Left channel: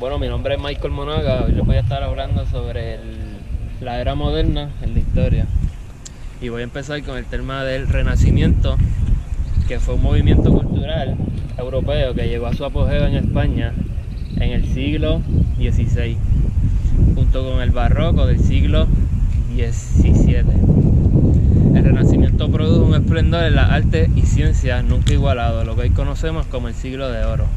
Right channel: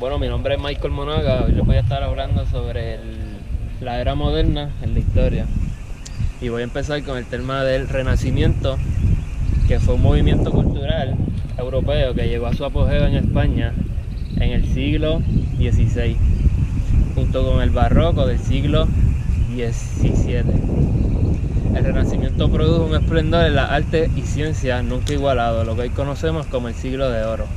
Bueno, mi nombre es Michael Monaga. Hoy les voy a estar hablando sobre la era moderna en la historia. Y voy a empezar con el tema del Renacimiento, que fue un movimiento cultural europeo que llegó a su apogeo en España en el siglo XVI, junto con el Barroco del siglo XVII. El Renacimiento produjo un esplendor en las artes y ciencias nunca igualado, lo que hoy conocemos como el siglo de oro.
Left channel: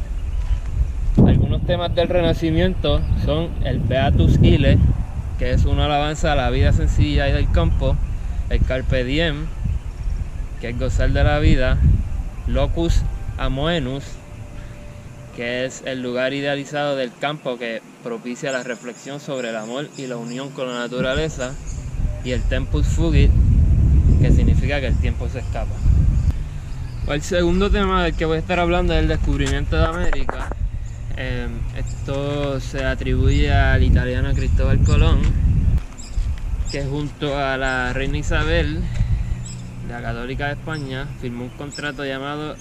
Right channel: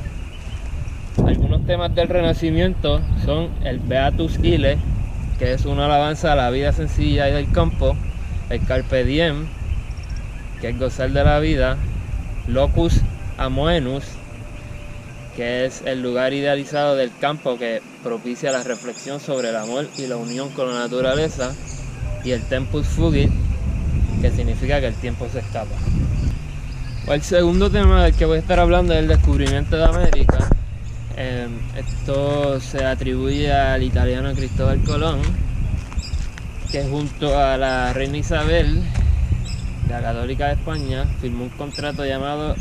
Algunos temas del Renacimiento son el Beatus Ille, que es una alabanza a la vida sencilla y del campo; el Carpe Diem, que es gozar de la vida; Locus Amoenus, que es el lugar idealizado del campo que propicia la reflexión sobre el amor y la unión con la naturaleza; y el Tempus Fugit, que significa que el tiempo se escapa. El segundo tema del que voy a estar hablando es el descubrimiento de América. Esto se atribuye al italiano Cristóbal Colón, que junto a la reina Isabel, la Católica de España, firmó un contrato llamado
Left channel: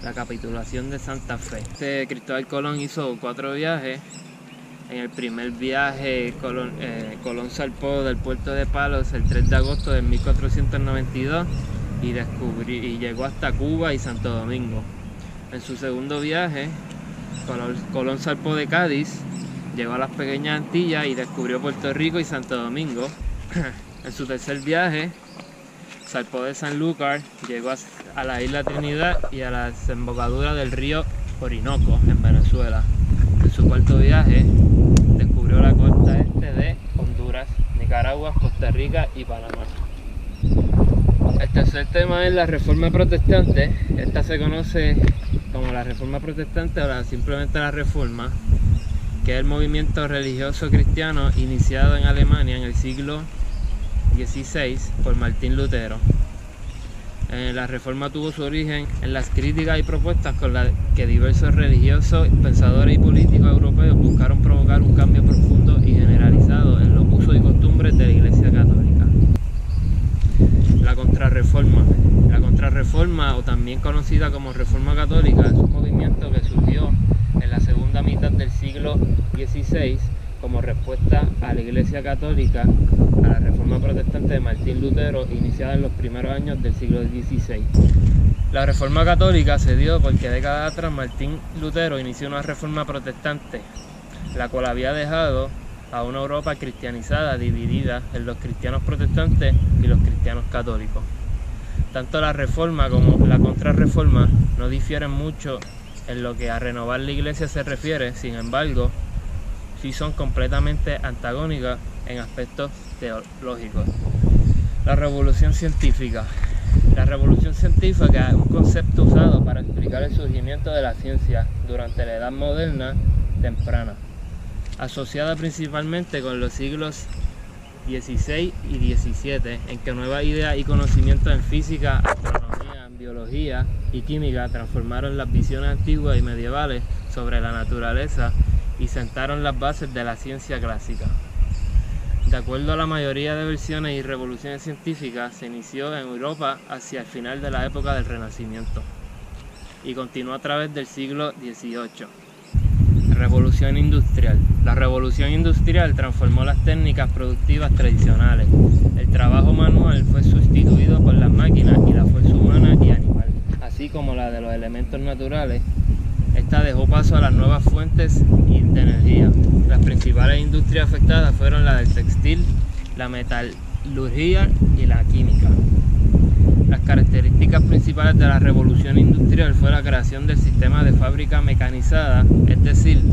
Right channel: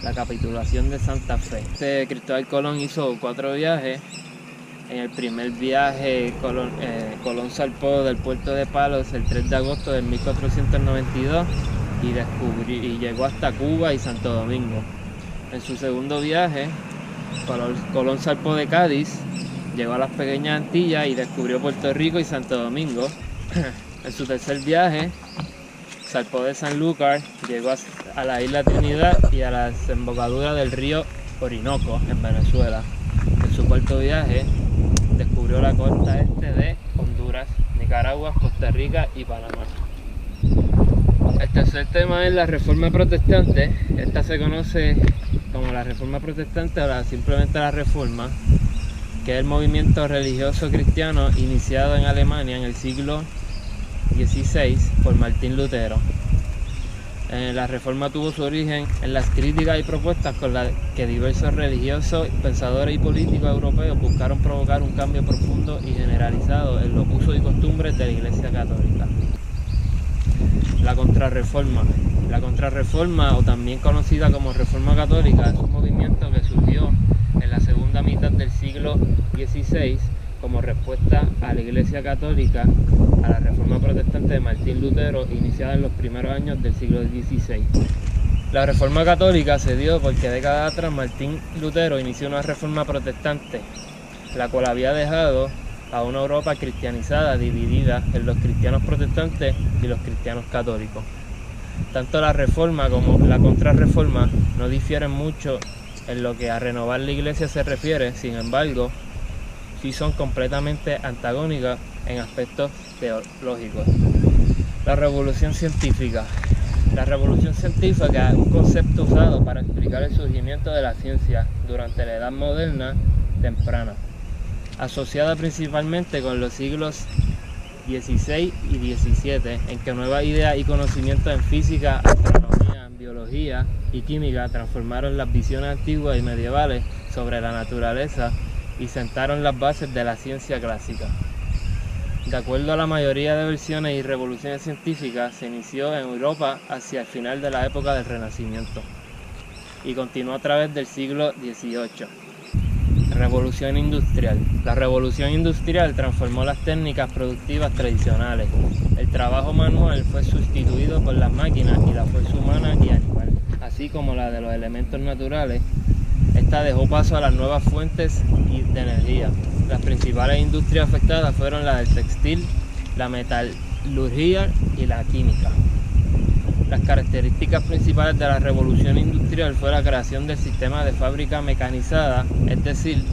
la Capitulación de Santa Fe. Cristóbal Colón hizo 4 viajes. En el primer viaje, Colón zarpó del puerto de Palos el 3 de agosto de 1492 y llegó hasta Cuba y Santo Domingo. En su segundo viaje, Colón zarpó de Cádiz, llegó a las Pequeñas Antillas y descubrió Puerto Rico y Santo Domingo. En su tercer viaje, zarpó de Sanlúcar, llegó a la isla Trinidad y a la desembocadura del río Orinoco en Venezuela. En su cuarto viaje, descubrió la costa este de Honduras, Nicaragua, Costa Rica y Panamá. El tercer tema es la Reforma Protestante. Esta se conoce como la Reforma Protestante o simplemente la Reforma, que es el movimiento religioso cristiano iniciado en Alemania en el siglo XVI por Martín Lutero. La Reforma tuvo su origen en las críticas y propuestas con las que diversos religiosos, pensadores y políticos europeos buscaron provocar un cambio profundo y generalizado en los usos y costumbres de la Iglesia Católica. La Contrarreforma. La Contrarreforma, o también conocida como Reforma Católica, es un movimiento que surgió en la segunda mitad del siglo XVI como respuesta a la Iglesia Católica, a la Reforma Protestante de Martín Lutero, iniciada en los primeros años del siglo XVI. La Reforma Católica se dio porque décadas atrás Martín Lutero inició una reforma protestante, la cual había dejado a una Europa cristianizada, dividida en los cristianos protestantes y los cristianos católicos. Tanto la Reforma como la Contrarreforma no difieren mucho en lo que a renovar la Iglesia se refiere. Sin embargo, sí son completamente antagónicas en aspectos teológicos. La Revolución Científica. La Revolución Científica es un concepto usado para explicar el surgimiento de la ciencia durante la Edad Moderna temprana, asociada principalmente con los siglos XVI y XVII, en que nuevas ideas y conocimientos en física, astronomía, biología y química transformaron las visiones antiguas y medievales sobre la naturaleza y sentaron las bases de la ciencia clásica. De acuerdo a la mayoría de versiones y revoluciones científicas, se inició en Europa hacia el final de la época del Renacimiento y continuó a través del siglo XVIII. Revolución Industrial. La Revolución Industrial transformó las técnicas productivas tradicionales. El trabajo manual fue sustituido por las máquinas y la fuerza humana y animal, así como la de los elementos naturales. Esta dejó paso a las nuevas fuentes de energía. Las principales industrias afectadas fueron la del textil, la metalurgia y la química. Las características principales de la revolución industrial fue la creación del sistema de fábrica mecanizada, es decir,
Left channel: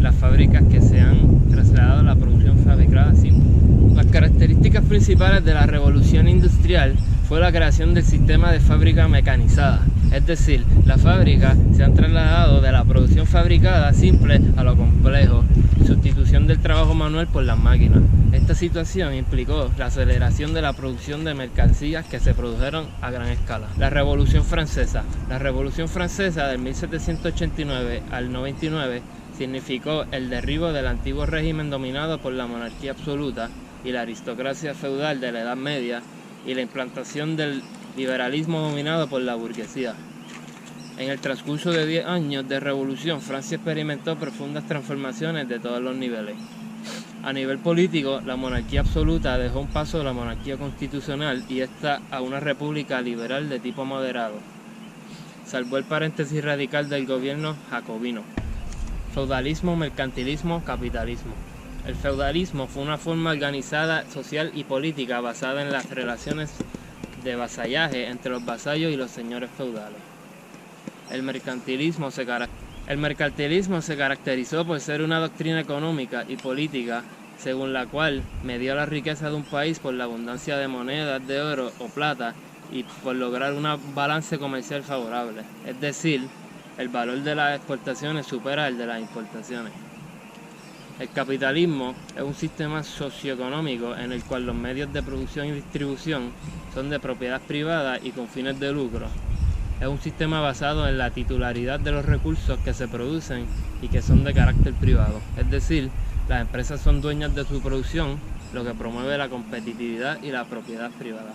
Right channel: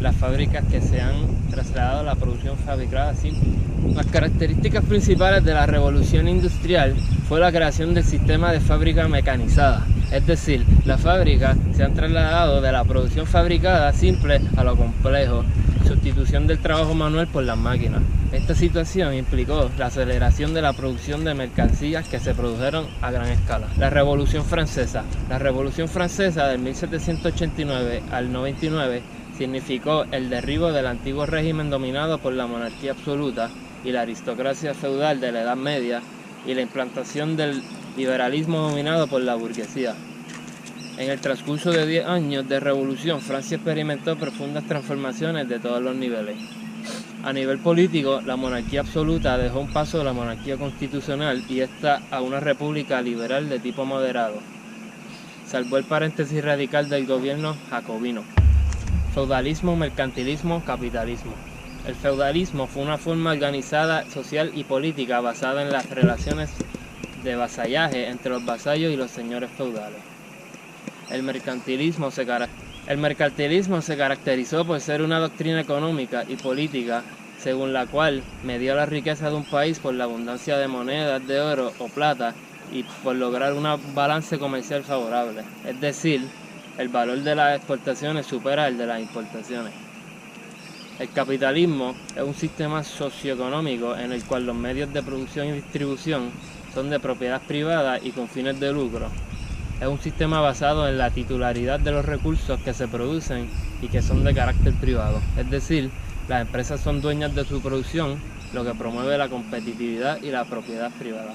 las fábricas que se han trasladado a la producción fabricada simple. Las características principales de la revolución industrial fue la creación del sistema de fábrica mecanizada, es decir, las fábricas se han trasladado de la producción fabricada simple a lo complejo, sustitución del trabajo manual por las máquinas. Esta situación implicó la aceleración de la producción de mercancías que se produjeron a gran escala. La Revolución Francesa. La Revolución Francesa del 1789 al 99 significó el derribo del antiguo régimen dominado por la monarquía absoluta y la aristocracia feudal de la Edad Media y la implantación del liberalismo dominado por la burguesía. En el transcurso de 10 años de revolución, Francia experimentó profundas transformaciones de todos los niveles. A nivel político, la monarquía absoluta dejó un paso de la monarquía constitucional y esta a una república liberal de tipo moderado. Salvó el paréntesis radical del gobierno jacobino. Feudalismo, mercantilismo, capitalismo. El feudalismo fue una forma organizada, social y política basada en las relaciones de vasallaje entre los vasallos y los señores feudales. El mercantilismo se caracterizó por ser una doctrina económica y política según la cual medía la riqueza de un país por la abundancia de monedas de oro o plata y por lograr un balance comercial favorable, es decir, el valor de las exportaciones supera el de las importaciones. El capitalismo es un sistema socioeconómico en el cual los medios de producción y distribución son de propiedad privada y con fines de lucro. Es un sistema basado en la titularidad de los recursos que se producen y que son de carácter privado, es decir, las empresas son dueñas de su producción, lo que promueve la competitividad y la propiedad privada.